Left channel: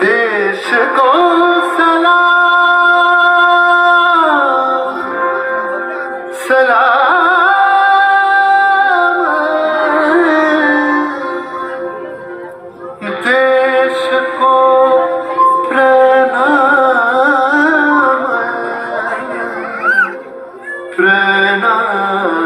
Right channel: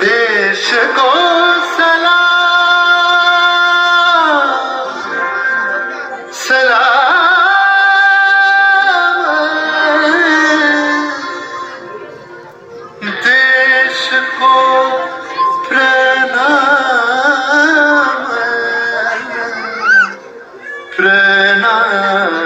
देश को सलाम सलाम, देश को प्रणाम प्रणाम।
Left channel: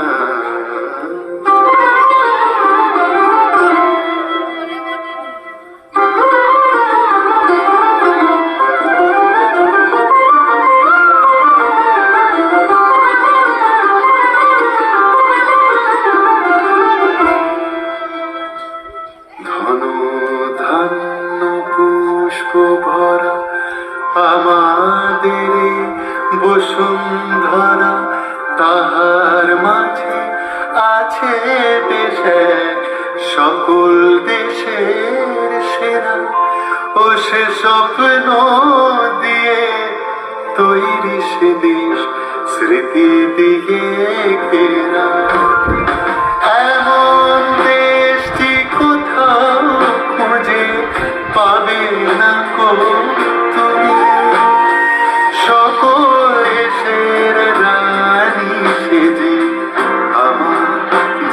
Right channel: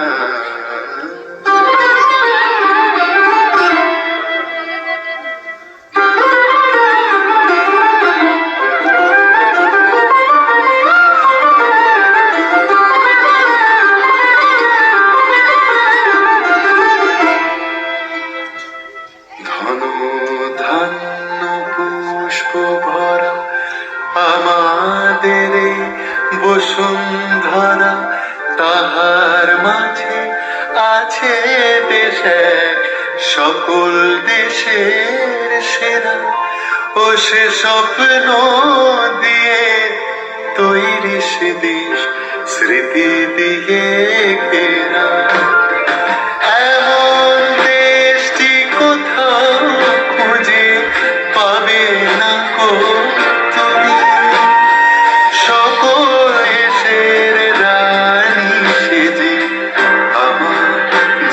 ধন্য পুষ্প ভরা আমাদের বসুন্ধরা, তাহার মাঝে আছে দেশ এক সকল দেশের সেরা। ও সে স্বপ্ন দিয়ে তৈরি সে দেশ স্মৃতি দিয়ে ঘেরা।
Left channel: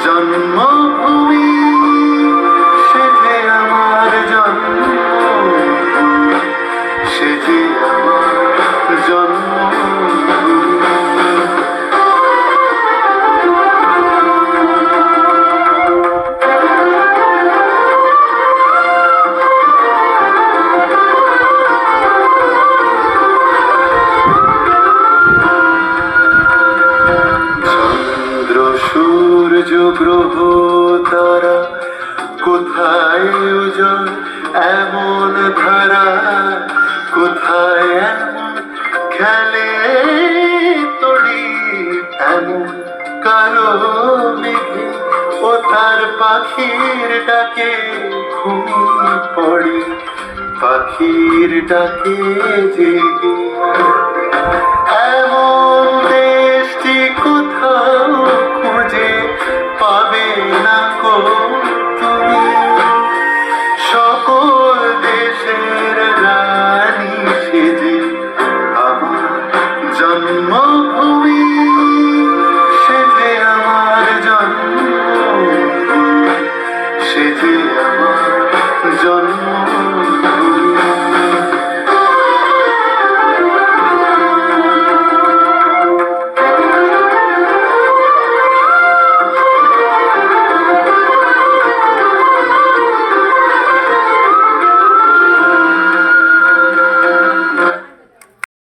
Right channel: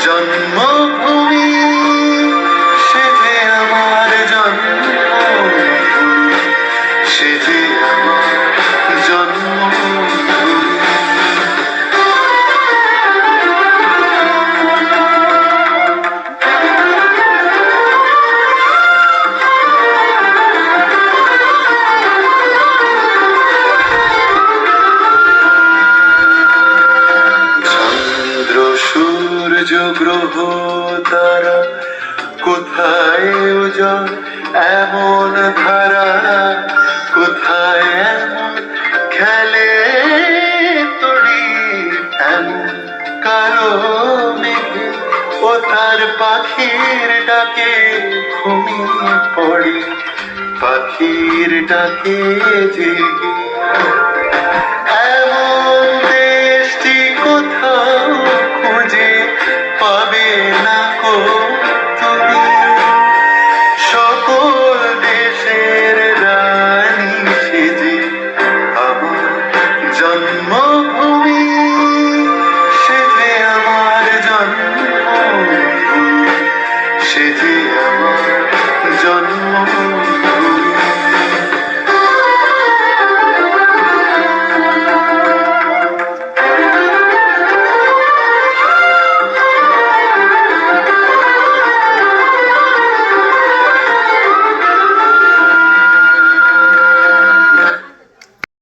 জন্মভূমি সে যে আমার জন্মভূমি, সে যে আমার জন্মভূমি। চন্দ্র সূর্য গ্রহ তারা কোথায় উজাড় এমন ধারা, কোথায় এমন খেলে তড়ি এমন কালো মেঘে। ও তার পাখির ডাকে ঘুমিয়ে পড়ি, পাখির ডাকে জেগে। এমন দেশটি কোথাও খুঁজে পাবে না কো।